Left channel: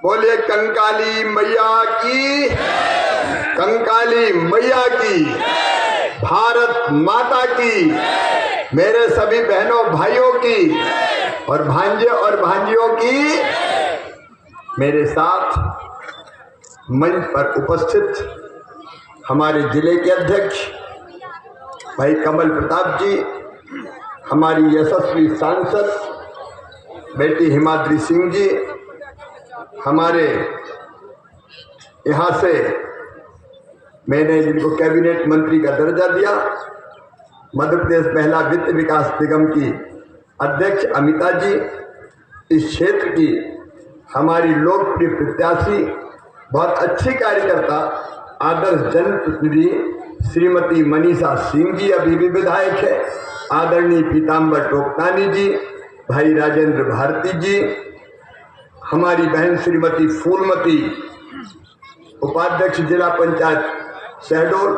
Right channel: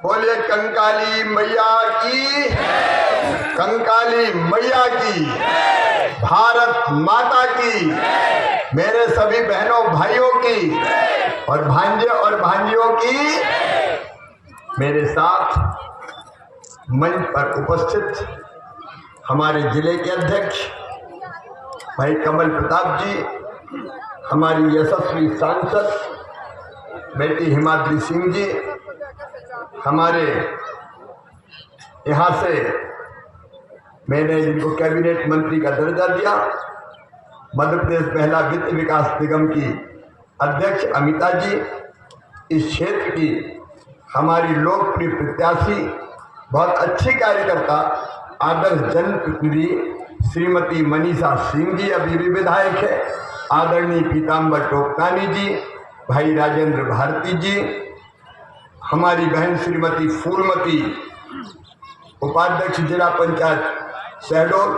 बोले कंकाली मैया की, कंकाली मैया की, भारत माता की, मेरे सभी बहनों भाइयों की और भांजे और भांजियों की। मेरे साथ मंच पर उपस्थित हमारे जिले के अध्यक्ष भाई कमल प्रताप जी, हमारी यशस्वी सांसद बेटी हिमाद्री सिंह जी, हमारे यहाँ से मैंने जिनको कैबिनेट मंत्री का दर्जा दिया, मध्य प्रदेश महिला वित्त विकास निगम की अध्यक्ष अमिता जी, इस क्षेत्र की हमारी लोकप्रिय प्रत्याशी, बहुत अच्छी कार्यकर्ता, आदर्श जनप्रतिनिधि श्रीमती मनीषा सिंह जी अभी भी विधायक है, आदरणीय पीताम्बर टोकतानी जी, भाई राजेंद्र भारती जी, हमारी बहन श्रीमती फूलमती उपाध्यक्ष जिला पंचायत शहडोल,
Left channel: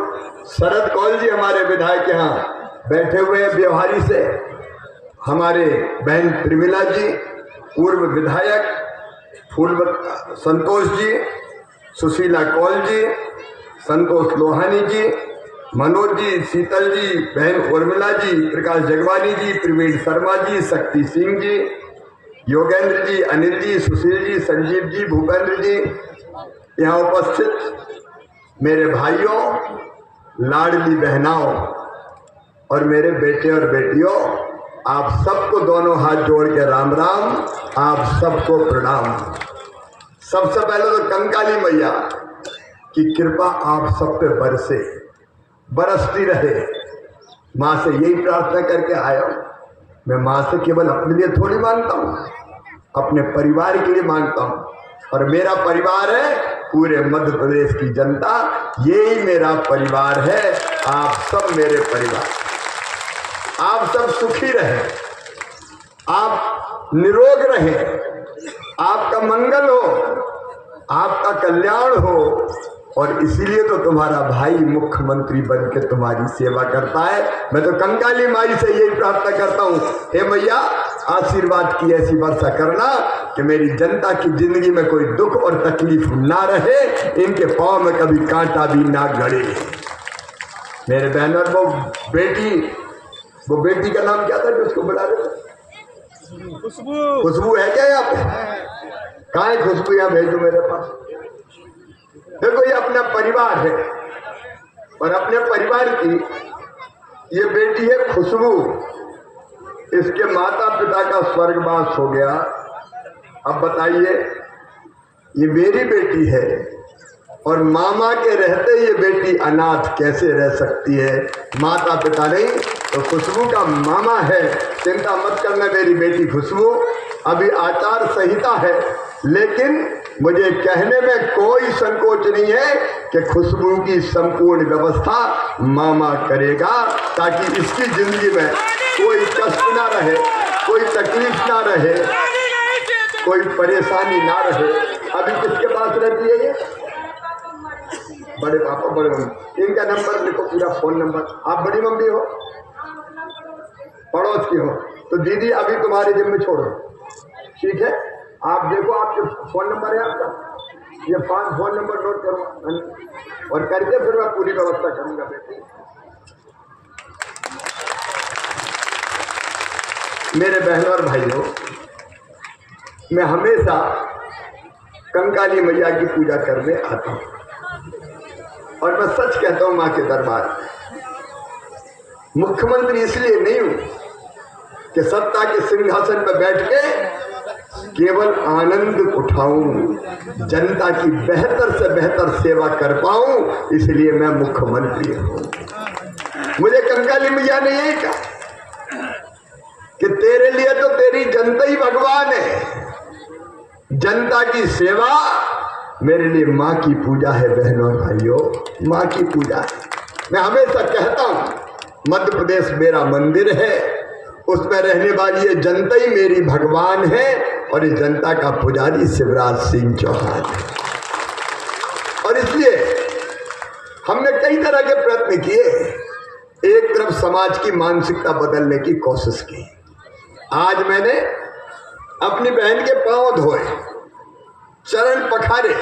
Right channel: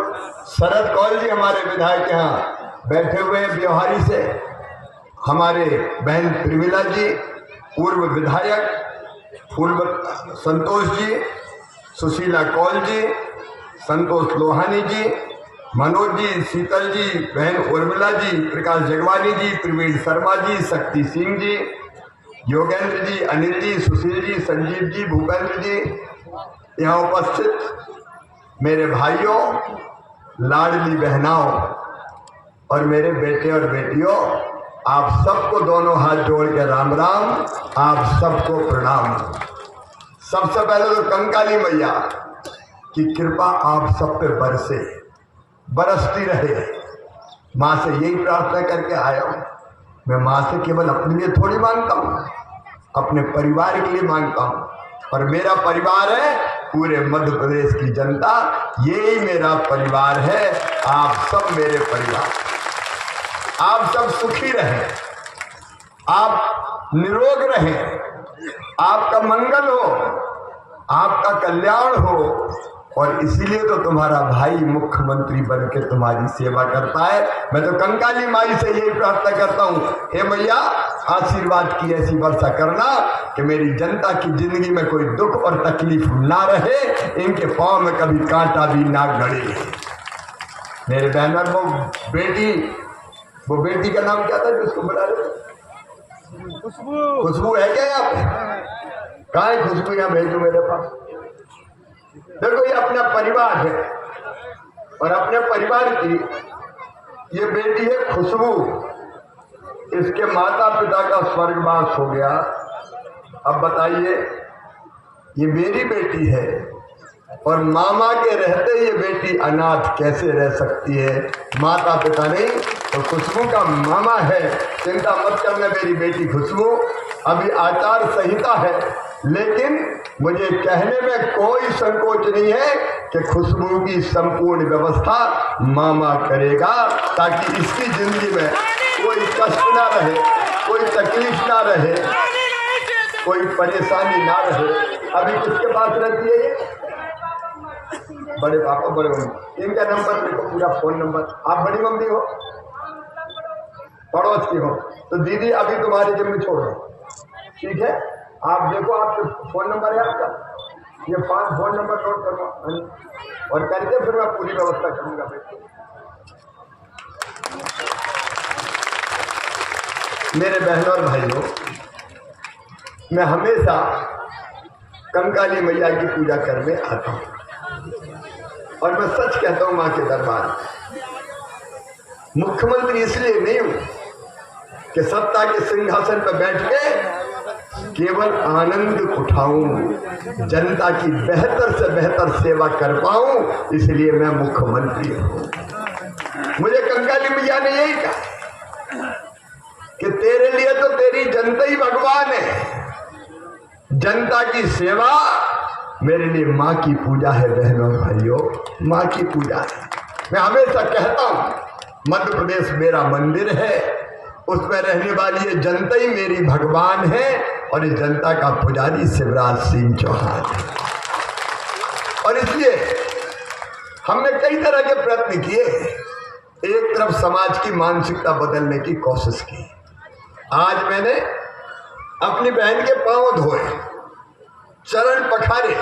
शरद कौल जी हमारे विधायक यहाँ बैठे हुए हैं व्यवहारी से, हमारे बहन प्रेमिला जी पूर्व विधायक, संतोष जी, सुशीला कौल जी, संतोष लोहानी जी, मनोज जी, शीतल जी, बहन उर्मिला जी, प्रकाश जगवानी जी, प्रवीण शर्मा जी, शक्ति सिंह जी, योगेंद्र जी, अनिल जी, सुशील जी, संजीव जी, भूपेंद्र जी, यहाँ उपस्थित मेरे भाइयों, लाडली बहनाओं और मेरे बेटे और बेटियों, आप सबको दोनों हाथ जोड़ के राम राम, आप सबको प्रणाम। सबसे पहले तो कंकाली मैया की कृपा आप सब पे बरसे, बरसती रहे। माँ से यही प्रार्थना करके आया हूँ। मैं माँ से केवल अपने लिए थोड़ी मांगता हूँ, अपने परिवार के लिए मांगता हूँ, और मेरा परिवार है पूरे मध्य प्रदेश की जनता, यही मेरा परिवार है। आप सब मेरे परिवार, आप सब सुखी रहें, आप निरोग रहें, आपका मंगल हो, आपका कल्याण हो, और इसीलिए तो तुम्हारा भाई मुख्यमंत्री बन के तुम्हारी सेवा करता है। मैं तो कंकाली माई से यही प्रार्थना करता हूँ, हे मैया आशीर्वाद की ऐसी वर्षा करना कि मेरी जनता की जिंदगी में कोई दुख और तकलीफ ना रहे, इनके पांव में कभी कांटा भी ना गड़े। मेरे बहनों, वो बेटी का नाम क्या था जो उसको बुला रहे थे? खुशबू। खुशबू है क्या यहाँ पे? कहाँ है खुशबू? यहाँ भेजो मेरे पास। देखो ये अपना परिवार है, और अपने परिवार की ये बेटी है खुशबू। इसके माता पिता का स्वर्गवास हो गया। अब बताइए, ये मेरी बेटी है और मामा के रहते ये बेटी अनाथ कैसे रह सकती है? माता पिता नहीं तो खुशबू का मामा है। चिंता मत करना मेरी बेटी खुशबू, अभी आचार संहिता है, लेकिन मुझे कहने में कोई संकोच नहीं है कि खुशबू की संपूर्ण व्यवस्था मामा करेगा, ताकि इसकी जिंदगी में कोई कष्ट ना रहे, कोई तकलीफ ना रहे, कोई परेशानी ना रहे। अभी किसके पास रहती है ये? बड़े पापा, बड़े मम्मी। इनका नंबर लिखो, पूरा फोन नंबर। आप बड़ी मम्मी हो, पड़ोस की हो, तो दीदी अभी तुम्हारे जिम्मे छोड़ो, ठीक है? आप देखो, आपके फोन नंबर है आपका, ये 5 फोन नंबर नोट करो और करके फिर मैं पूरी व्यवस्था करूंगा बेटी। मेरे बहनों और भाइयों, मैं हमेशा कंकाली मैया की पूजा करने आता हूँ, और मैं सच कहता हूँ, माँ के दरबार मुख्यमंत्री इसलिए नहीं हूं कि सत्ता के सिंहासन पर बैठ के केवल आनंद उठाऊं, जनता की बेहतर से बेहतर सेवा कर पाऊं, इसलिए मैं मुख्यमंत्री हूं। मुझे कंकाली मैया ने यही कहा कि तेरे लिए तो तेरी जनता ही भगवान है, जनता की सेवा मेरे लिए माँ की पूजा है। बहनों भाइयों, माँ की पूजा है। मैं हमेशा कहता हूँ, मध्य प्रदेश मेरा मंदिर है, उसमें रहने वाली ये जनता ही मेरी भगवान है, और इस जनता का पुजारी शिवराज सिंह चौहान है। और इसलिए हमने कई तरह के प्रयत्न किए। एक तरफ समाज की मानसिकता बदलने की कोशिश की। आज मैंने अपनी बहन के पांव धोए, चरण पखारे,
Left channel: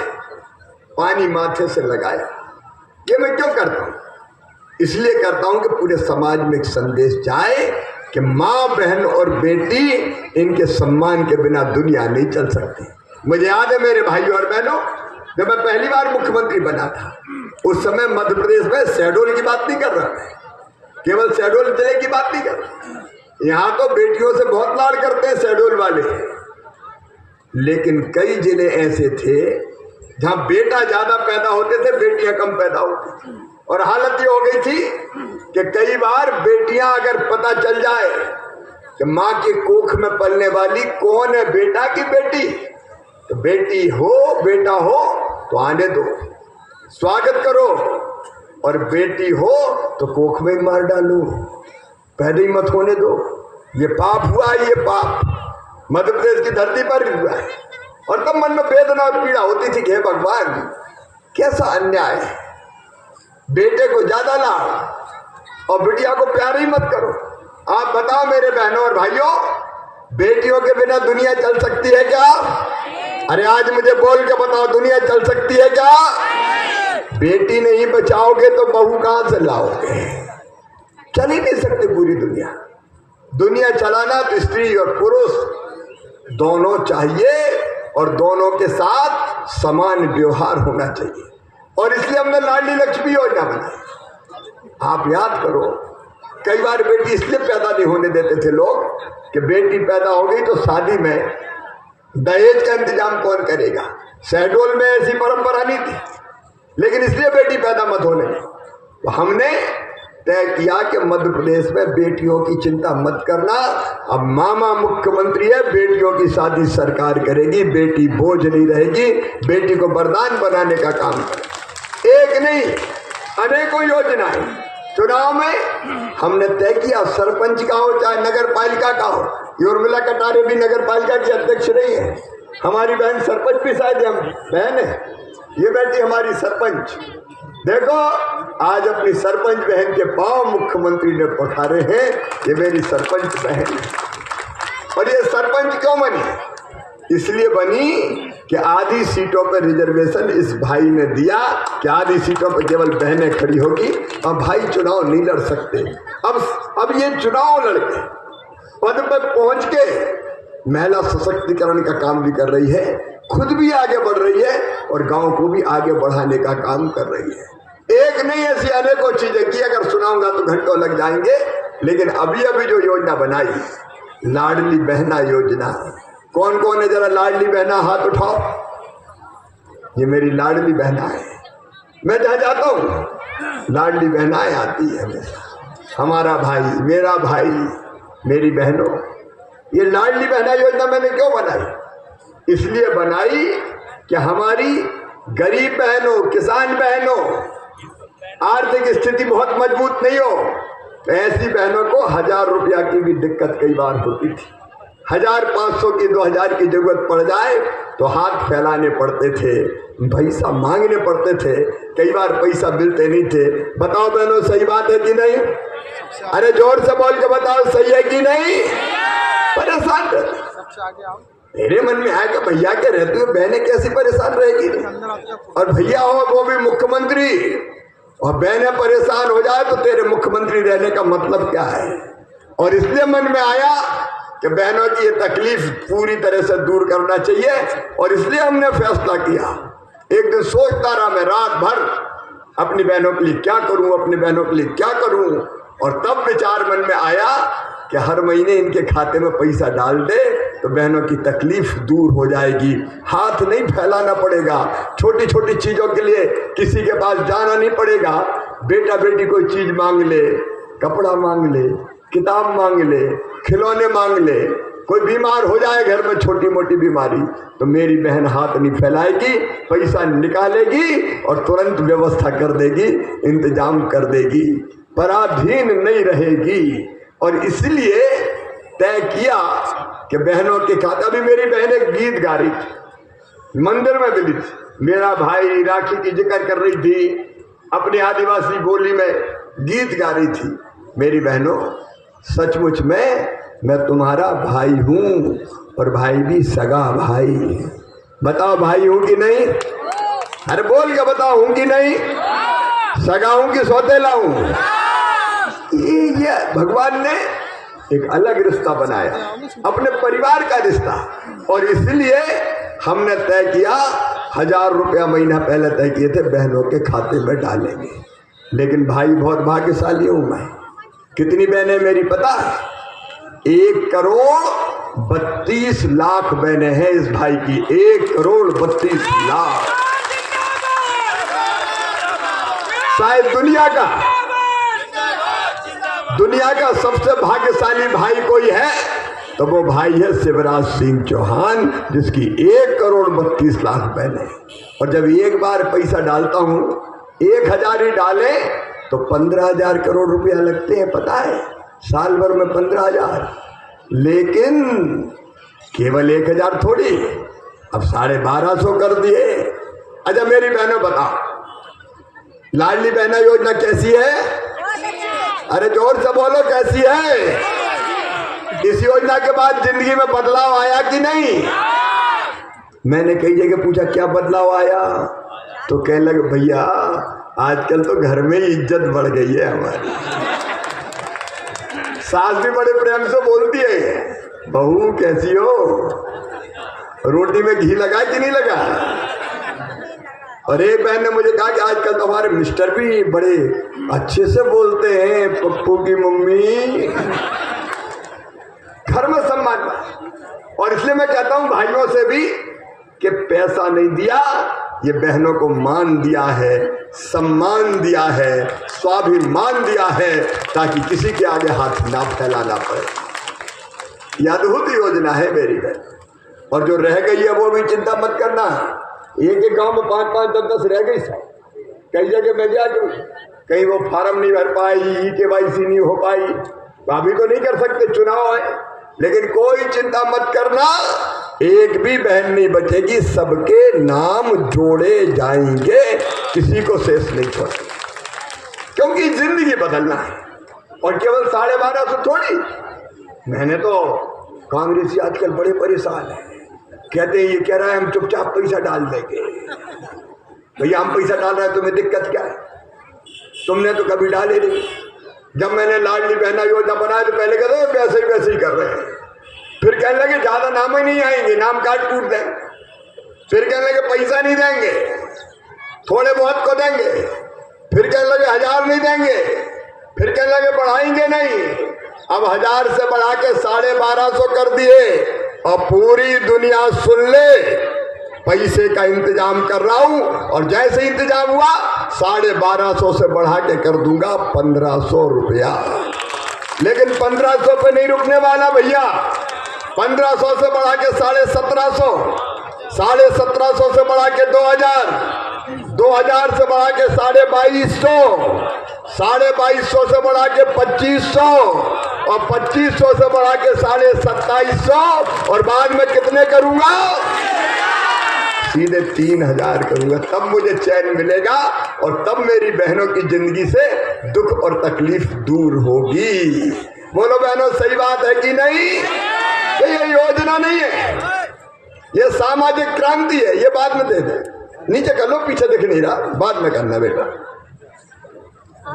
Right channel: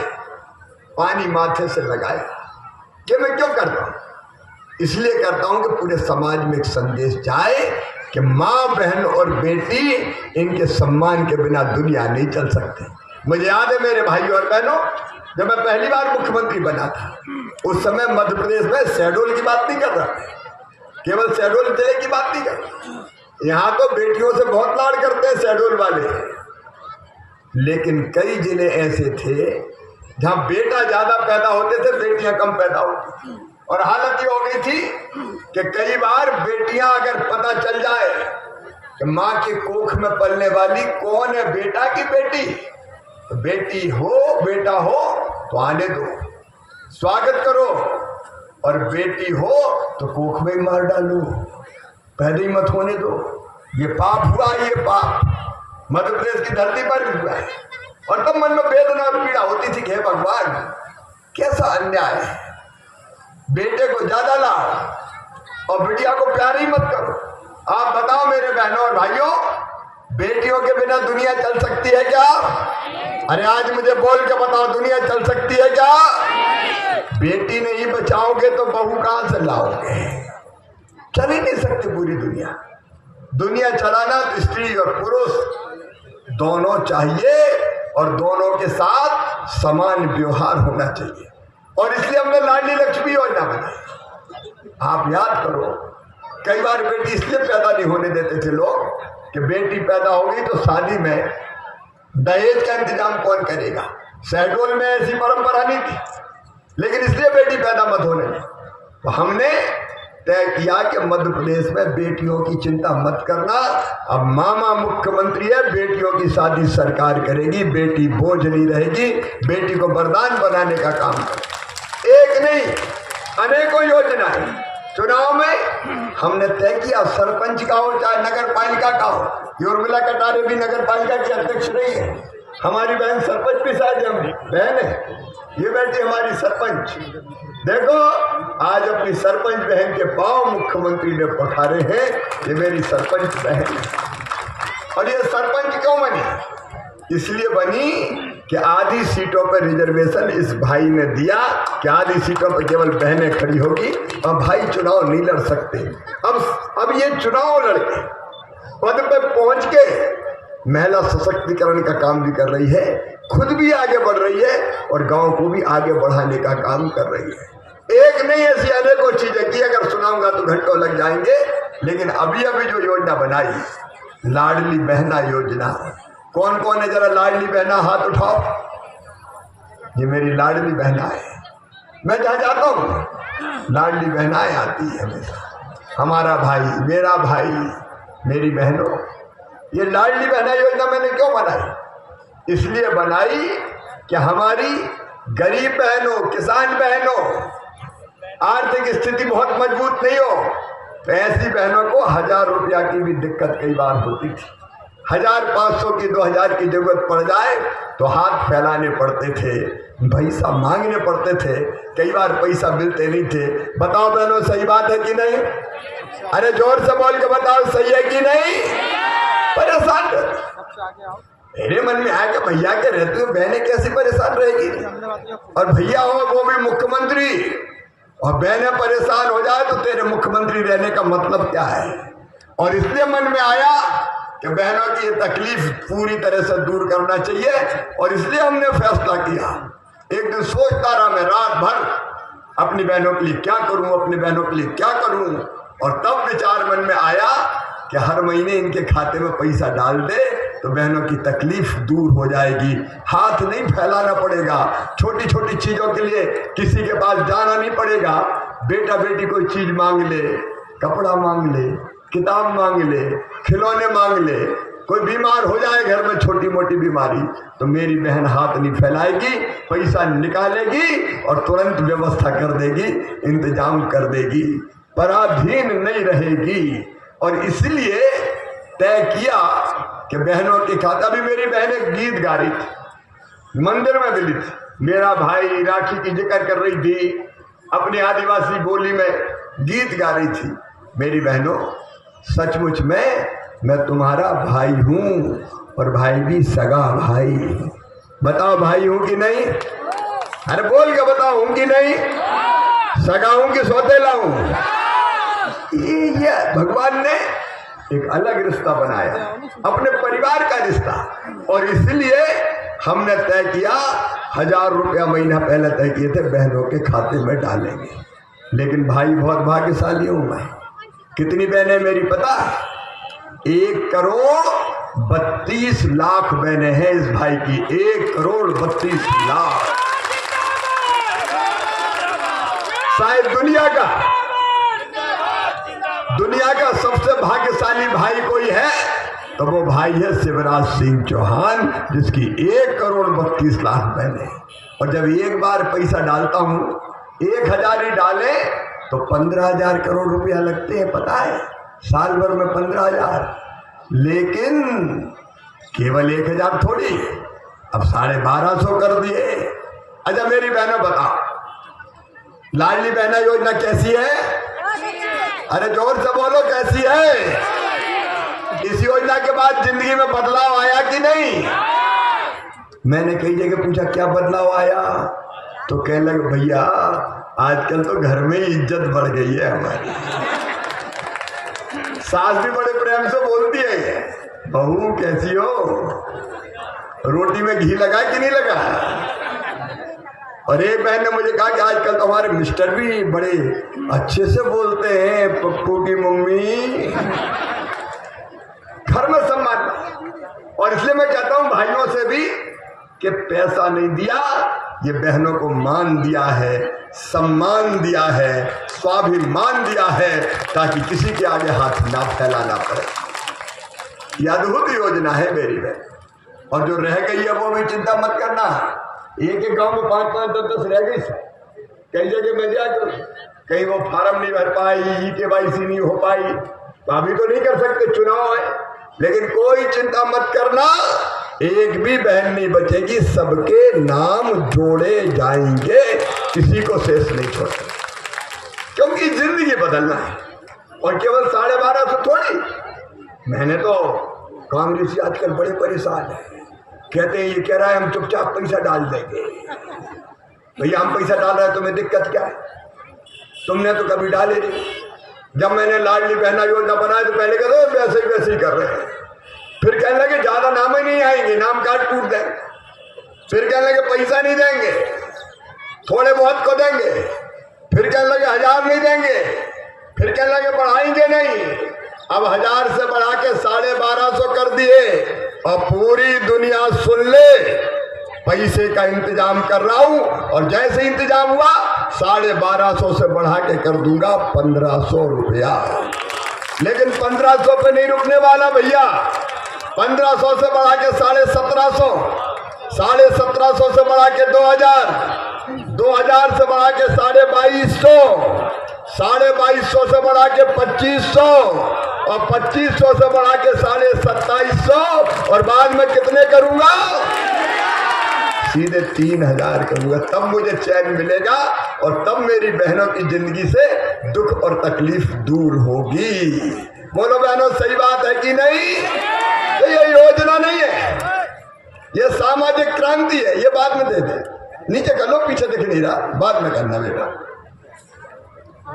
पानी माथे से लगाया। ये मैं क्यों करता हूं? इसलिए करता हूं कि पूरे समाज में एक संदेश जाए कि माँ, बहन और बेटी, इनके सम्मान के बिना दुनिया नहीं चल सकती। मुझे याद है मेरे भाइयों और बहनों, जब मैं पहली बार मुख्यमंत्री बना था, उस समय मध्य प्रदेश में शहडोल की बात नहीं कर रहा, केवल शहडोल जिले की बात नहीं कर रहा। यहाँ तो बेटियों से बहुत लाड करते हैं शहडोल वाले, लेकिन कई जिले ऐसे थे जहां बेटा ज्यादा पैदा होते थे, बेटियां कम पैदा होती थी। और हालत ये हो गई थी कि कई बार बेटियां अगर पता चल जाए कि माँ के कोख में पलने वाली कौन है, बेटा की बेटी, तो बेटी हो बेटा हो तो आने दो, स्वागत करो, और बेटी हो तो कोख में मार डालो, पैदा ही मत होने दो। ये पाप हुआ, ये पाप मध्य प्रदेश की धरती पर भी हुआ है। और तब मन में वेदना और पीड़ा होती थी कि हे भगवान, कैसा अन्याय है, बेटे को ज्यादा लाड और बिटिया को प्यार ही मत करो। आप बताओ मेरे बहनों और भाइयों, बेटियों के बिना दुनिया चल सकती है क्या? अरे आज मुझे बोल के बताओ, दुनिया चल सकती है क्या? बेटी नहीं बचाओगे तो बहू कहां से लाओगे? चल ही नहीं सकती पूरी दुनिया। दुनिया चलाना तो स्त्री और पुरुष दोनों चाहिए, और दोनों के साथ समान व्यवहार होना चाहिए। और इसलिए हमने लाडली लक्ष्मी योजना बनाई। आप याद करो, कई बार बेटी इसलिए पैदा नहीं होने देते थे लोग कि बेटी पैदा हो गई तो शादी में दहेज का इंतजाम कौन करेगा। शहडोल में ऐसी परंपरा नहीं थी, लेकिन इसलिए बेटी पैदा मत होने दी। तो हमने तय किया कि मध्य प्रदेश में बेटियों की चिंता मत करना, अब मामा मुख्यमंत्री है, बेटियों की शादी सरकार करेगी, बेटी बोझ नहीं रहेगी, बेटी को वरदान बनाने का काम करेगी। एक नहीं, अनेकों योजनाएं। चुनाव में हमने तय किया, सरपंच का हो चाहे नगर पालिका का हो। उर्मिला कटारे भी नगर पालिका की अध्यक्ष रही है, हमारी बहन सरपंच भी शायद हम बहन है, ये बेटी हमारी सरपंच। देखो आज अपनी सरपंच बहन के पांव मुख्यमंत्री ने पखारे हैं, ये मेरी सरपंच बहन। और ये सरपंच क्यों बनी? इसलिए बनी कि आधी सीटों पर रिजर्वेशन इस भाई ने दिया कि आधी सीटों पर केवल बहनें खड़ी होगी, अब भाई चुनाव नहीं लड़ सकते। अब ये चुनाव लड़के पद पर पहुंच के महिला सशक्तिकरण का काम भी कर रही है, खुद भी आगे बढ़ रही है और गांव को भी आगे बढ़ाने का काम कर रही है। एक नहीं, ऐसी अनेकों चीजें की, अगर सुनाऊंगा तो घंटों लग जाएंगे। लेकिन अभी जो योजना बनाई, लाडली बहना योजना, कौन कौन है जरा लाडली बहना हाथ उठाओ। ये मेरी लाडली बहना है, मैं जहां जाता हूं लाडली बहनाएं आती है हमेशा। हमारा भाई, मेरा भाई, मेरी बहनों, ये लाडली बहना योजना मैंने क्यों बनाई? इसलिए बनाई कि हमारी गरीब बहनों, किसान बहनों, आर्थिक स्थिति बहुत मजबूत नहीं हो, तो ऐसी बहनों को 1000 रुपया की भी दिक्कत कई बार होती थी। 1500 की, 2000 की जरूरत पड़ जाए तो हाथ फैलाने पड़ते थे, पैसा मांगने पड़ते थे, कई बार पैसा मिलते नहीं थे। बताओ बहनों, सही बात है कि नहीं? अरे जोर से बोल के बताओ, सही है कि नहीं? परेशान रहते। मेरे मन में आया कि भैया के रहते हो बहनें कैसी परेशान रहेगी, और भैया हो वो भी मुख्यमंत्री, और बहनें परेशान हो जाए तो तेरे मुख्यमंत्री रहने का मतलब क्या है? और इसलिए मन में आया कि बहनों की ये तकलीफ पूरी तरह से दूर करना चाहिए, और इसलिए हमने फैसला किया। एक दिन सोचता रहा मैं रात भर, अपनी बहनों के लिए क्या करूं, अपनी बहनों के लिए क्या करूं, और तब विचार मन में आया कि हर महीने इनके खाते में पैसा डाल दे तो बहनों की तकलीफ दूर हो जाएगी, हाथ नहीं फैलाना पड़ेगा, छोटी छोटी चीजों के लिए किसी के पास जाना नहीं पड़ेगा। बेटा बेटी कोई चीज मांग ले, कपड़ा मांग ले, किताब मांग ले, खिलौने मांग ले, कोई बीमार हो जाए घर में छोटी मोटी बीमारी, तो मेरी बहन हाथ नहीं फैलाएगी, पैसा निकालेगी और तुरंत व्यवस्था कर देगी, इंतजाम कर देगी, पराधीन नहीं रहेगी। और इसलिए तय किया कि बहनों के खाता भी, मेरी बहन एक गीत गा रही थी, मंदिर में मिली थी, मेरा भाई राखी की जिक्र कर रही थी, अपनी आदिवासी बोली में गीत गा रही थी। मेरी बहनों, सचमुच में मैं तुम्हारा भाई हूं, और भाई भी सगा भाई। बताओ भाई हूं कि नहीं? अरे बोल के बताओ हूं कि नहीं? सगा हूं कि सौतेला हूं? ये भगवान ने एक अलग रिश्ता बनाया, अपने परिवार का रिश्ता। और इसलिए हमने तय किया 1000 रुपया महीना पहले तय किए थे बहनों के खाते में डालेंगे। लेकिन भाई बहुत भाग्यशाली हूं मैं। कितनी बहनें मेरी पता? 1,32,00,000 बहनें हैं इस भाई की। 1,32,00,000। शायद दुनिया का सबसे भाग्यशाली भाई कोई है तो वो भाई है शिवराज सिंह चौहान, जिसकी 1,32,00,000 बहनें। और जब एक बार पैसा डालता हूं, 1,000 ही डाले तो 15,000 करोड़ रुपया लगते हैं, पता है? साल भर में 15,000। लेकिन केवल 1,000 थोड़ी, अब 1250 कर दिए। अच्छा मेरी बहनों बताओ, लाडली बहना योजना कैसी है? अरे जोर से बोलो, कैसी है? इस योजना के बाद जिंदगी में बदलाव आया कि नहीं? मैंने कई जगह पूछा क्या बदलाव आया, तो कहने लगे भैया आजकल तो घर में इज्जत बढ़ गई है हमारी। सास भी बड़े प्रेम से बोलती है, बहू कैसी हो, रोटी में घी लगा कि नहीं लगा? और एक बहन ने मुझे कहा कि आजकल तो हमारे मिस्टर भी बड़े अच्छे से बोलते हैं, पप्पू की मम्मी। घर में सम्मान। और इसलिए मैं कहता हूं भाइयों से भी कि पैसा नहीं दिया, ये बहनों को मान दिया है, सम्मान दिया है, स्वाभिमान दिया है, ताकि किसी के आगे हाथ ना फैलाना पड़े। यह अद्भुत योजना है मेरी बहन। और जो रह गई है वो भी चिंता मत करना। एक गांव में 5-5, 10-10 रह गई सब। कई जगह में जाके कहीं वो फार्म नहीं भर पाई, KYC नहीं हो पाई, तो अभी तो नहीं कर सकते, चुनाव है। लेकिन कोई चिंता मत करना, एक भी बहन नहीं बचेगी, सबके नाम जोड़े जाएंगे, किसी को शेष नहीं छोड़ेंगे। क्योंकि जिंदगी बदलना है। और केवल 1250 थोड़ी। मैंने तो कांग्रेसी आजकल बड़े परेशान है, कहते हैं ये कह रहा है हम चुपचाप पैसा डाल देंगे। भैया हम पैसा डाल रहे हैं, तुम्हें दिक्कत क्या है? तुमने तो कभी डाले नहीं। जब मैंने लाडली बहना योजना बनाया तो पहले कहते वैसे ही कर रहे हैं। फिर कहने लगे ज्यादा नाम ही नहीं आएंगे, नाम कार्ड टूट देंगे। फिर कहने लगे पैसा नहीं देंगे, थोड़े बहुत को देंगे। फिर कहने लगे 1000 नहीं देंगे। फिर कहने लगे बढ़ाएंगे नहीं। अब 1000 से बढ़ा के 1250 कर दिए। और पूरी दुनिया सुन ले, पैसे का इंतजाम कर रहा हूं। और जैसे इंतजाम हुआ 1250 से बढ़ा के कर दूंगा 1500 रुपया। लेकिन 1500 पे नहीं रुकने वाला भैया। 1500 से बढ़ा के 1750, 1750 से बढ़ा के 2000, 2000 से बढ़ा के 2250, 2250 से बढ़ा के 2500, और 2500 से बढ़ा के 2750, और बाद में कितने करूंगा? सीधे 3000 करूंगा। तब मुझे चैन मिलेगा और तब मेरी बहनों की जिंदगी से दुख और तकलीफ दूर होगी। बोलो बहनों, सही बात है कि नहीं? ये योजना नहीं है, ये सामाजिक क्रांति है। ये बाद में दे दे, नीचे कर लो, पीछे दिख नहीं रहा, बाद में करना बेटा।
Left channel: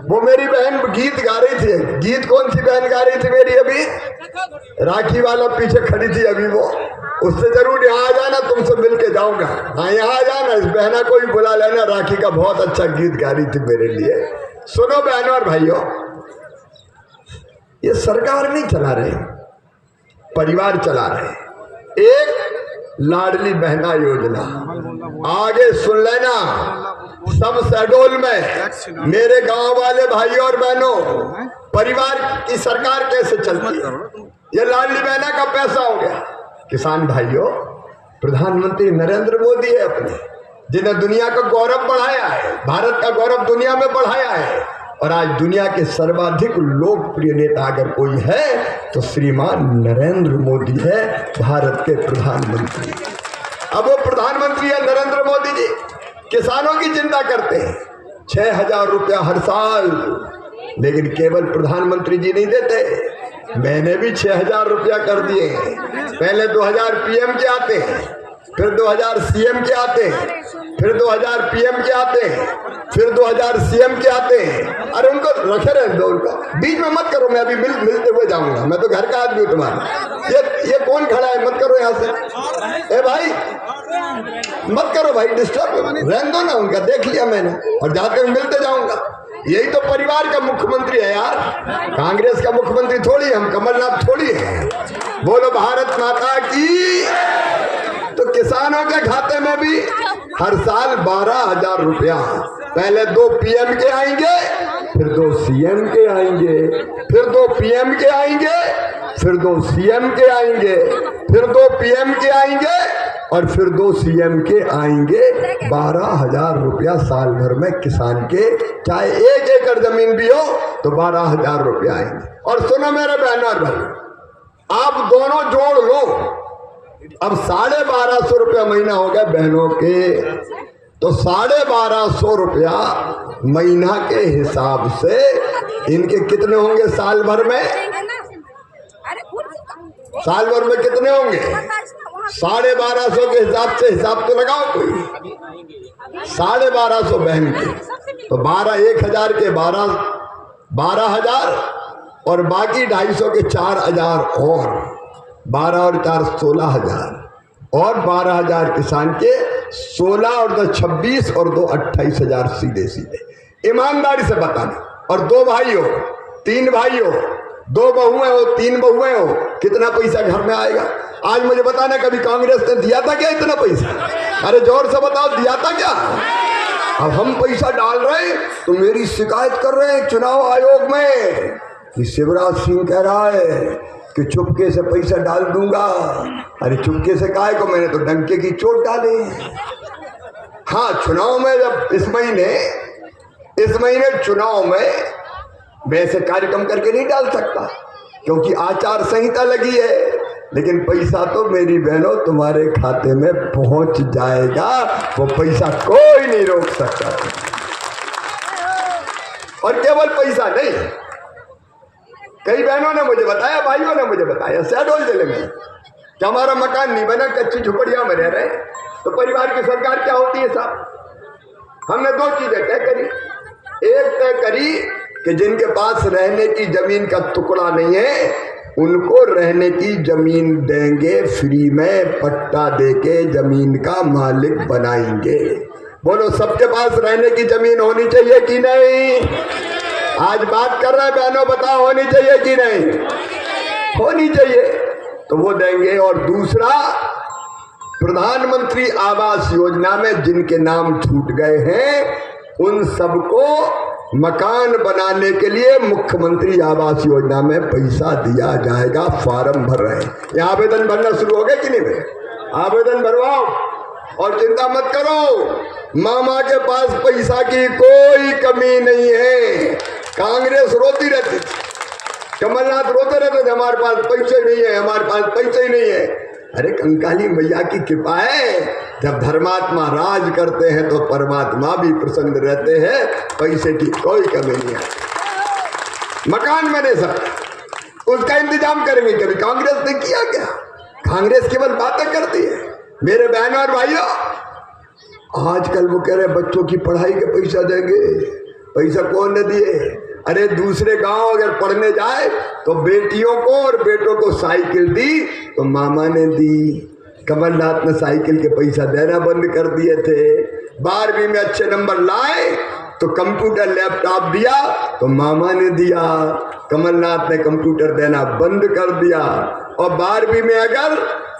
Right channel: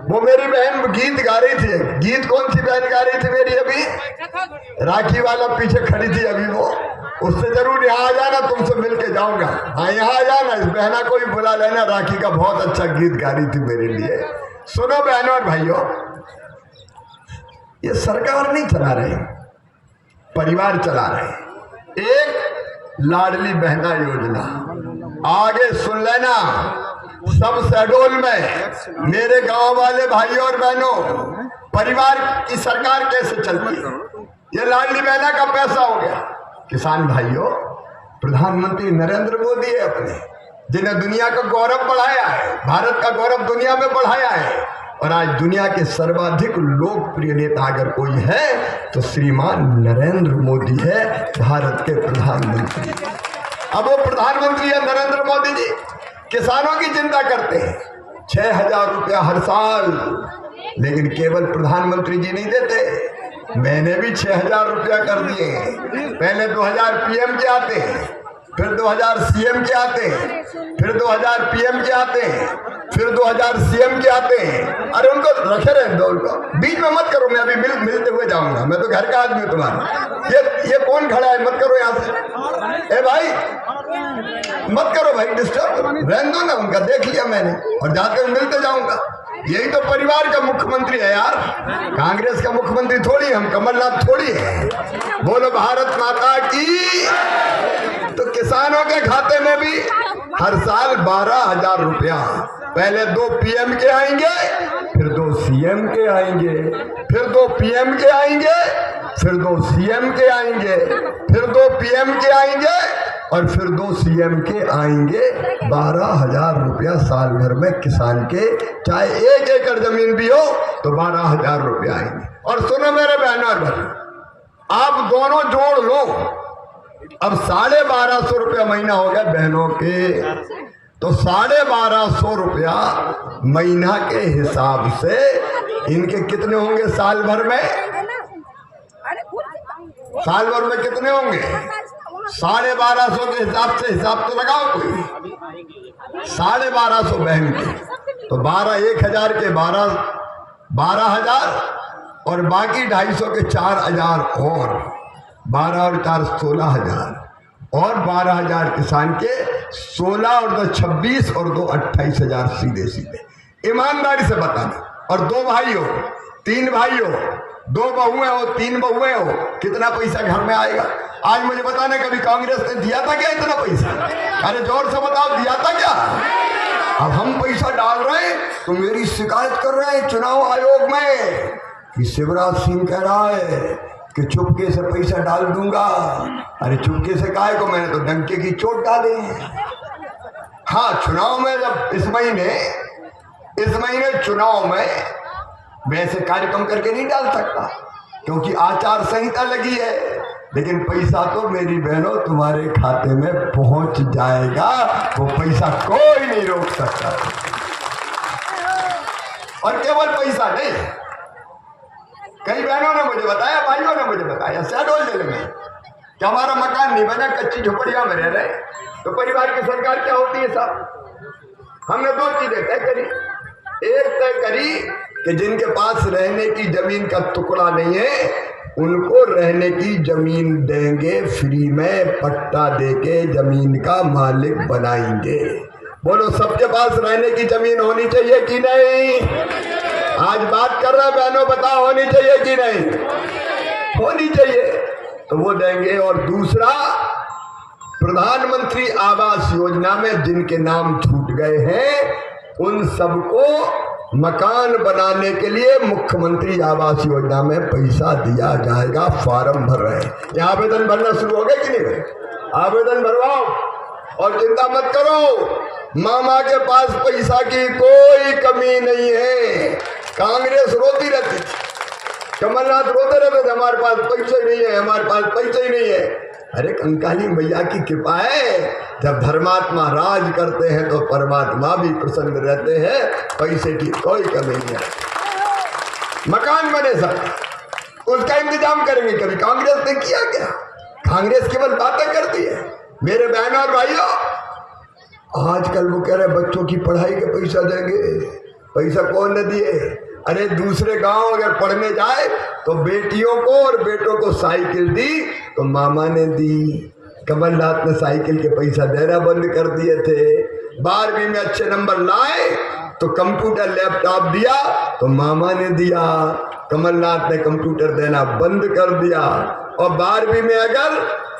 वो मेरी बहन गीत गा रही थी। गीत कौन सी बहन गा रही थी मेरी? अभी राखी वाला पीछे खड़ी थी अभी। वो उससे जरूर यहाँ आ जाना, तुमसे मिल के जाऊंगा। हाँ यहाँ आ जाना, इस बहना को भी बुला लेना। राखी का बहुत अच्छा गीत गा रही थी मेरे लिए। सुनो बहनों और भाइयों, ये सरकार नहीं चला रही, परिवार चला रहे। एक लाडली बहना योजना, आगे सुन लेना। सब शहडोल में मेरे गांव वाले भाई और बहनों, परिवार की सरकार कैसे चलती है? ये लाडली बहना का पैसा हो गया। किसान भाइयों, प्रधानमंत्री नरेंद्र मोदी है अपने, जिन्हें दुनिया का गौरव बढ़ाया है, भारत का गौरव दुनिया में बढ़ाया है। और आज दुनिया के सर्वाधिक लोकप्रिय नेता अगर कोई है तो श्रीमान नरेंद्र मोदी है, भारत के प्रधानमंत्री। अब वो प्रधानमंत्री है नरेंद्र मोदी जी, किसानों की चिंता करते हैं। 6000 रुपया हर साल। लेकिन केवल प्रधानमंत्री जी नहीं देते, मैंने भी 6000 रुपया कर दिए। पहले 2000 PM के आते हैं, फिर 2000 सीएम के आते हैं, फिर 2000 पीएम के आते हैं, फिर 2000 सीएम के आते हैं। अरे उनको रखे रहे दो, उनको बीच में मत करो। मैं अभी मिलते हुए जाऊंगा, मैं तो घर का आदमी हूँ तुम्हारा। ये कौन खड़ा है? मत करो यहाँ से। ए भाई मत करो भाई, डिस्टर्ब रहने दो ना उनका। देख लिया मैंने और जाकर मिलते जाऊंगा। यही तो परिवार का मुख्यमंत्री है यार, कांग्रेस का मुख्यमंत्री थोड़ी, हम कमलनाथ थोड़ी है। बोलो भारत माता की। तो किसानों के खाते में भी हर साल 12,000 रुपया, पहले 2 पीएम के आएंगे, फिर 2 सीएम के आएंगे, फिर 2 पीएम के आएंगे, फिर 2 सीएम के आएंगे, फिर 2 पीएम के आएंगे और फिर 2 सीएम के आएंगे। 12,000 रुपया साल भर में किसान के, चाहे 1 एकड़ जमीन भी हो तो 12,000 रुपया आएंगे। और सुनो मेरे बहनों और भाई, आप दोनों जोड़ लो, अब 1250 रुपया महीना हो गया बहनों के, तो 1250 रुपया महीना के हिसाब से इनके कितने होंगे साल भर में? साल भर में कितने होंगे? 1250 के हिसाब से हिसाब तो लगाओ कोई। 1250 बहन के तो 1,000 के 12,000 और बाकी 250 के 4,000 और 12 और 4 16,000 और 12,000 किसान के 16 और 2 26 और 2 28,000 सीधे सीधे। ईमानदारी से बताना। और 2 भाई हो, 3 भाई हो, 2 बहुएं हो, 3 बहुएं हो, कितना पैसा घर में आएगा? आज मुझे बताना कभी कांग्रेस ने दिया था क्या इतना पैसा? अरे जोर से बताओ, दिया था क्या? अब हम पैसा डाल रहे हैं तो मेरी शिकायत कर रहे हैं चुनाव आयोग में कि शिवराज सिंह कह रहा है कि चुपके से पैसा डाल दूंगा। अरे चुपके से काहे को, मैंने तो डंके की चोट डाली। हाँ, चुनाव में जब इस महीने चुनाव में वैसे कार्यक्रम करके नहीं डाल सकता क्योंकि आचार संहिता लगी है, लेकिन पैसा तो मेरी बहनों तुम्हारे खाते में पहुंच जाएगा। वो पैसा कोई नहीं रोक सकता। और केवल पैसा नहीं, कई बहनों ने मुझे बताया, भाइयों ने मुझे बताया शहडोल जिले में कि हमारा मकान नहीं बना, कच्ची झोपड़ियां में रह रहे, तो परिवार की सरकार क्या होती है साहब? हमने 2 चीजें तय करी। एक तय करी कि जिनके पास रहने की जमीन का टुकड़ा नहीं है उनको रहने की जमीन देंगे, फ्री में पट्टा देके जमीन का मालिक बनाएंगे। बोलो सबके पास रहने की जमीन होनी चाहिए कि नहीं? आज बात कर रहे बहनों, बताओ होनी चाहिए कि नहीं? होनी चाहिए, तो वो देंगे। और दूसरा, प्रधानमंत्री आवास योजना में जिनके नाम छूट गए हैं उन सबको मकान बनाने के लिए मुख्यमंत्री आवास योजना में पैसा दिया जाएगा। फॉर्म भर रहे हैं, ये आवेदन भरना शुरू हो गए कि नहीं भरे? आवेदन भरवाओ और चिंता मत करो, मामा के पास पैसा की कोई कमी नहीं है। कांग्रेस रोती रहती थी, कमलनाथ रोते रहते थे हमारे पास पैसे नहीं है, हमारे पास पैसे ही नहीं है। अरे कंकाली मैया की कृपा है, जब धर्मात्मा राज करते हैं तो परमात्मा भी प्रसन्न रहते हैं। पैसे की कोई कमी नहीं है। मकान बने सकते, उसका इंतजाम करेंगे। कभी कांग्रेस ने किया क्या? कांग्रेस केवल बातें करती है। मेरे बहनों और भाइयों, आजकल वो कह रहे बच्चों की पढ़ाई के पैसा देंगे। पैसा कौन ने दिए? अरे दूसरे गांव अगर पढ़ने जाए तो बेटियों को और बेटों को साइकिल दी तो मामा ने दी। कमलनाथ ने साइकिल के पैसा देना बंद कर दिए थे। 12वीं में अच्छे नंबर लाए तो कंप्यूटर लैपटॉप दिया तो मामा ने दिया। कमलनाथ ने कंप्यूटर देना बंद कर दिया। और 12वीं में अगर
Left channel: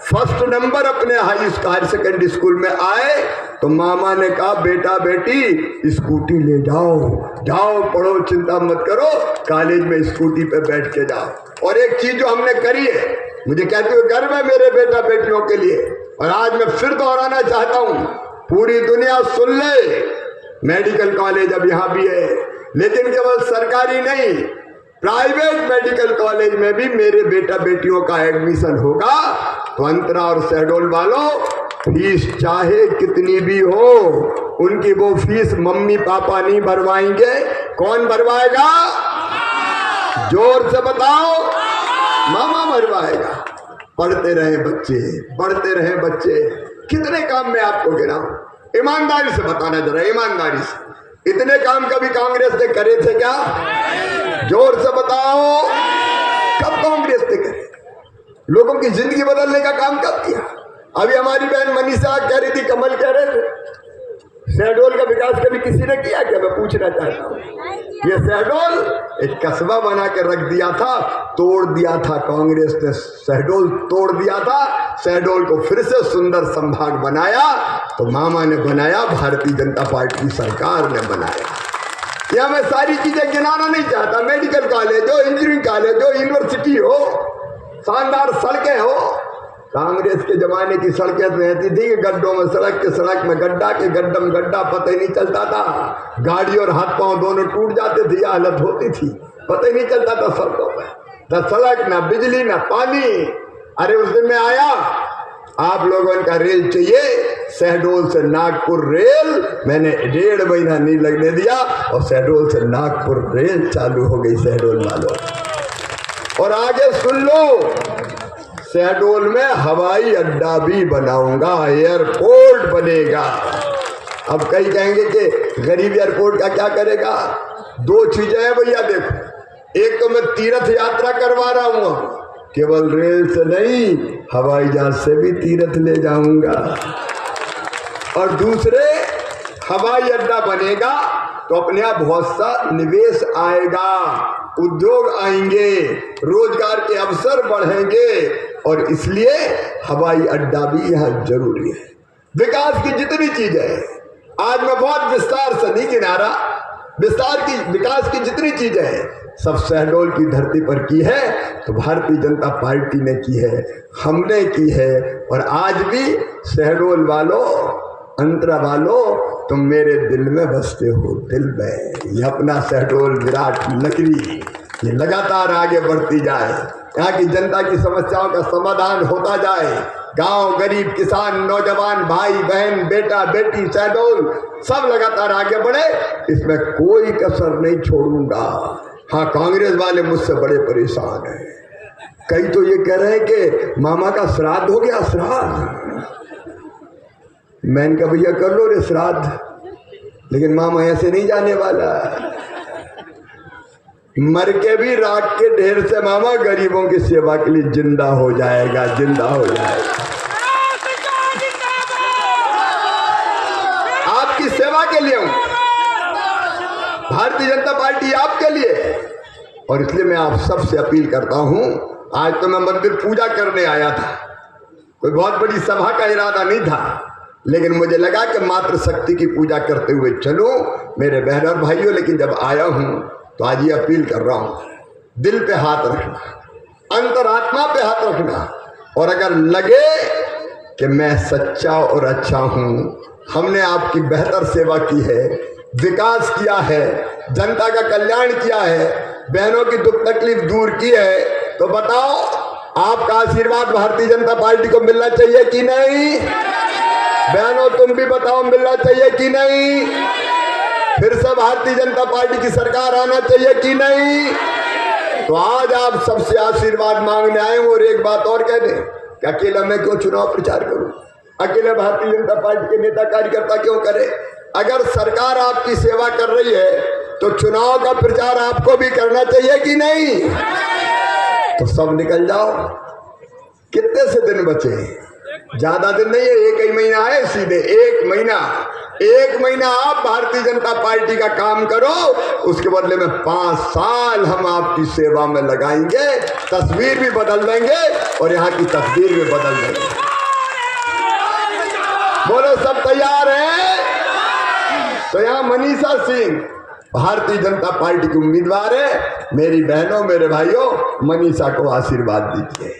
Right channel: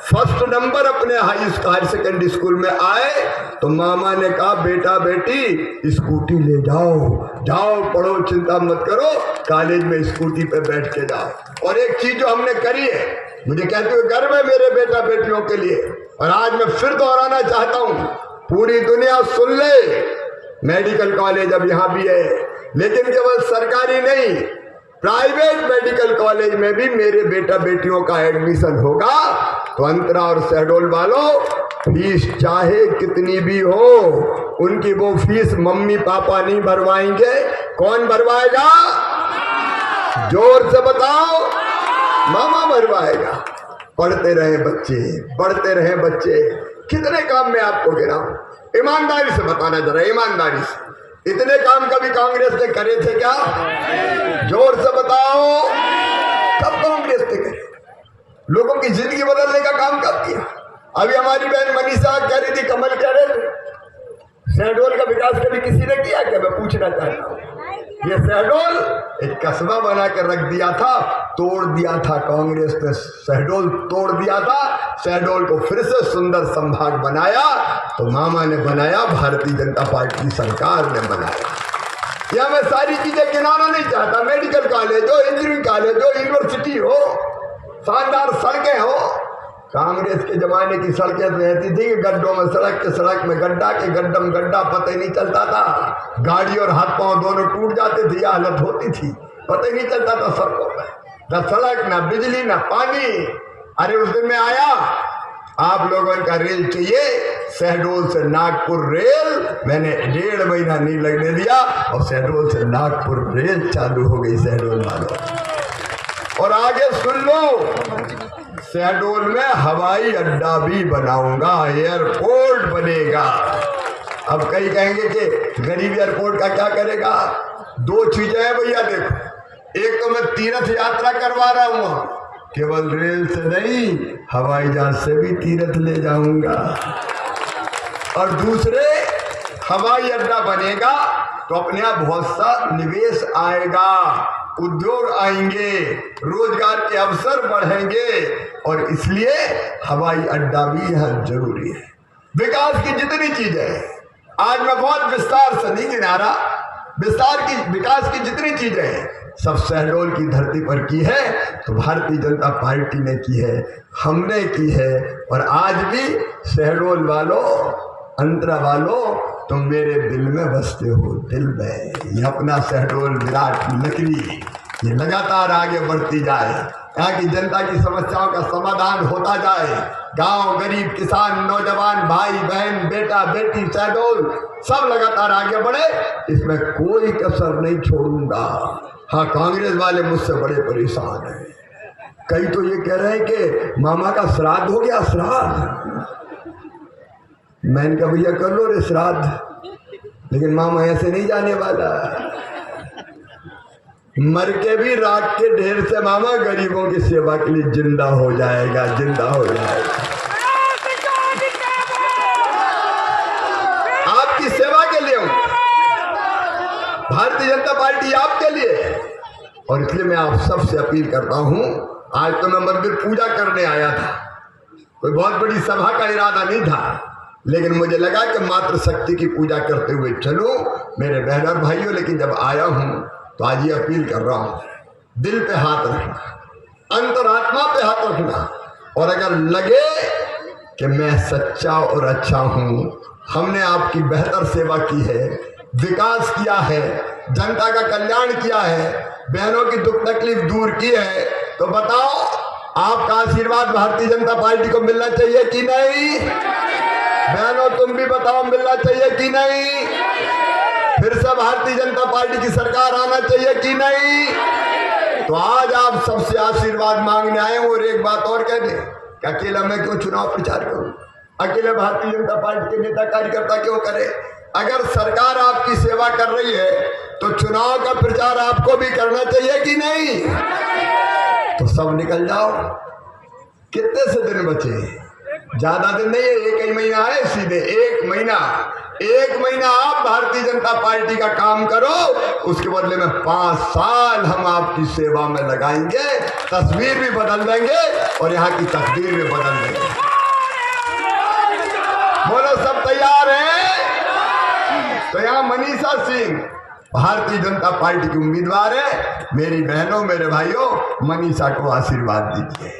फर्स्ट नंबर अपने हायर सेकेंडरी स्कूल में आए तो मामा ने कहा बेटा बेटी स्कूटी ले जाओ, जाओ पढ़ो, चिंता मत करो, कॉलेज में स्कूटी पे बैठ के जाओ। और एक चीज जो हमने करी है, मुझे कहते हुए गर्व है मेरे बेटा बेटियों के लिए, और आज मैं फिर दोहराना चाहता हूँ, पूरी दुनिया सुन ले, मेडिकल कॉलेज अब यहाँ भी है, लेकिन केवल सरकारी नहीं, प्राइवेट मेडिकल कॉलेज में भी मेरे बेटा बेटियों का एडमिशन होगा। तो अंतरा और शहडोल वालों, फीस चाहे कितनी भी हो, उनकी वो फीस मम्मी पापा नहीं भरवाएंगे। कौन भरवाएगा? जोर से बताओ, मामा भरवाएगा। पढ़ते रहे बच्चे, पढ़ते रहे बच्चे। कितने काम मैं आपको गिनाऊं? ईमानदारी से बताना जरा, ईमानदारी से। इतने काम कभी कांग्रेस ने करे थे क्या? जोर से बताओ, कब कांग्रेस ने करे? लोगों की जिंदगी बदलने का काम कब किया? अभी हमारी बहन मनीषा कह रही थी, कमल कह रहे थे, शहडोल का विकास कभी किसी ने किया क्या? मैं पूछना चाहता हूँ। ये शहडोल एक कस्बा बना कर रख दिया था, तोड़ दिया था कांग्रेस ने, शहडोल तोड़ दिया था। शहडोल को फिर से सुंदर संभाग बनाया तो मामा ने बनाया, भारतीय जनता पार्टी की सरकार ने बनाया। यह मैं सारी चीजें गिनाना नहीं चाहता। मेडिकल कॉलेज हो, इंजीनियरिंग कॉलेज हो, यूनिवर्सिटी हो, शानदार सड़कें हो। कांग्रेस के जमाने की सड़कें रहती थी कि गड्ढों में, सड़क के सड़क में गड्ढा के गड्ढा में गड्ढा, पता ही नहीं चलता था। गाड़ी और हाथ पांव दोनों टूट जाते थे, यह हालत होती थी, पता ही नहीं चलता था सड़कों में। न सड़क, न बिजली, न पानी। अरे उस दिन में आया, आप लोगों का रेल चाहिए, शहडोल से नागपुर रेल मैंने 1.5 महीना नहीं लगने दिया और शहडोल से नागपुर रेल चालू हो गई शहडोल वालों। और आगे सुन लो, शहडोल में हवाई अड्डा भी बनाऊंगा, एयरपोर्ट बनेगा। अब कई कहेंगे कि गरीब एयरपोर्ट का क्या करेगा? 2 चीजें हैं भैया, देखो। एक तो मैं तीर्थ यात्रा करवा रहा हूं, केवल रेल से नहीं, हवाई जहाज से भी तीर्थ ले जाऊंगा। और दूसरे, हवाई अड्डा बनेगा तो अपने यहाँ बहुत सा निवेश आएगा, उद्योग आएंगे, रोजगार के अवसर बढ़ेंगे, और इसलिए हवाई अड्डा भी यहाँ जरूरी है। विकास की जितनी चीजें हैं, आज मैं बहुत विस्तार से नहीं गिना रहा, विकास की जितनी चीजें हैं सब शहडोल की धरती पर की है तो भारतीय जनता पार्टी ने की है, हमने की है। और आज भी शहडोल वालों, अंतरा वालों, तुम मेरे दिल में बसते हो, दिल में। ये अपना शहडोल विराट नगरी ये लगातार आगे बढ़ती जाए, यहाँ की जनता की समस्याओं का समाधान होता जाए। गांव, गरीब, किसान, नौजवान, भाई बहन, बेटा बेटी, शहडोल सब लगातार आगे बढ़े, इसमें कोई कसर नहीं छोड़ूंगा। हाँ, कांग्रेस वाले मुझसे बड़े परेशान हैं। कई तो ये कह रहे हैं कि मामा का श्राद्ध हो गया, श्राद्ध। मैंने कहा भैया कर लो रे श्राद्ध, लेकिन मामा ऐसे नहीं जाने वाला। मर के भी राख के ढेर से मामा गरीबों की सेवा के लिए जिंदा हो जाएगा, जिंदा हो जाएगा। आपकी सेवा के लिए हूं, भारतीय जनता पार्टी आपके लिए। और इसलिए मैं आप सबसे अपील करता हूं, आज तो मैं मंदिर पूजा करने आया था, कोई बहुत बड़ी सभा का इरादा नहीं था, लेकिन मुझे लगा कि मातृ शक्ति की पूजा करते हुए चलूं मेरे बहन और भाइयों। लेकिन जब आया हूं तो आज ये अपील कर रहा हूं, दिल पे हाथ रखना, अंतरात्मा पे हाथ रखना, और अगर लगे कि मैं सच्चा और अच्छा हूं, हमने आपकी बेहतर सेवा की है, विकास किया है, जनता का कल्याण किया है, बहनों की दुख तकलीफ दूर की है, तो बताओ आपका आशीर्वाद भारतीय जनता पार्टी को मिलना चाहिए कि नहीं? बहनों तुम भी बताओ, मिलना चाहिए कि नहीं? फिर से भारतीय जनता पार्टी की सरकार आना चाहिए कि नहीं? तो आज आप सबसे आशीर्वाद मांगने आए। और एक बात और कह दें कि अकेला मैं क्यों चुनाव प्रचार करूं, अकेले भारतीय जनता पार्टी के नेता कार्यकर्ता क्यों करे? अगर सरकार आपकी सेवा कर रही है तो चुनाव का प्रचार आपको भी करना चाहिए कि नहीं? तो सब निकल जाओ। कितने से दिन बचे? ज्यादा दिन नहीं है, 1 ही महीना है, सीधे 1 महीना। 1 महीना आप भारतीय जनता पार्टी का काम करो, उसके बदले में 5 साल हम आपकी सेवा में लगाएंगे, तस्वीर भी बदल देंगे और यहाँ की तस्वीर भी बदल देंगे। बोलो सब तैयार हैं? तो यहाँ मनीषा सिंह भारतीय जनता पार्टी की उम्मीदवार है। मेरी बहनों, मेरे भाइयों, मनीषा को आशीर्वाद दीजिए,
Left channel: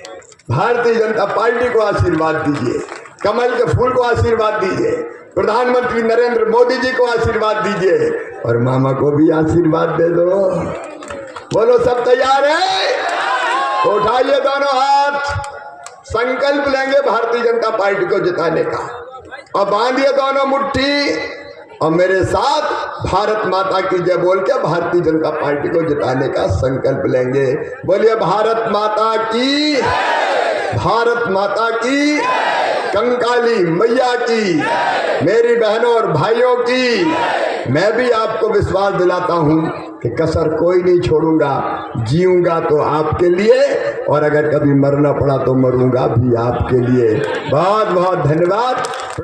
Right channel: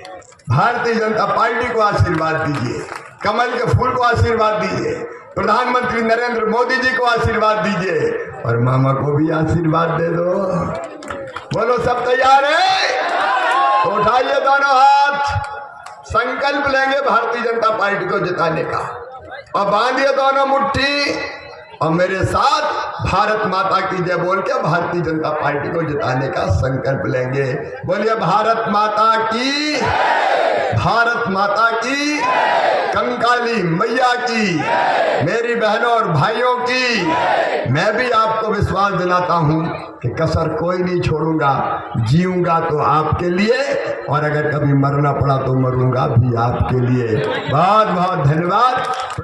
भारतीय जनता पार्टी को आशीर्वाद दीजिए, कमल के फूल को आशीर्वाद दीजिए, प्रधानमंत्री नरेंद्र मोदी जी को आशीर्वाद दीजिए, और मामा को भी आशीर्वाद दे दो। बोलो सब तैयार है? तो उठाइए दोनों हाथ, संकल्प लेंगे भारतीय जनता पार्टी को जिताने का, और बांधिए दोनों मुट्ठी, और मेरे साथ भारत माता की जय बोल के भारतीय जनता पार्टी को जिताने का संकल्प लेंगे। बोलिए भारत माता की, भारत माता की। कंकाली मैया की, मेरी बहनों और भाइयों की। मैं भी आपको विश्वास दिलाता हूं कि कसर कोई नहीं छोड़ूंगा। जीऊंगा तो आपके लिए, और अगर कभी मरना पड़ा तो मरूंगा भी आपके लिए। बहुत बहुत धन्यवाद।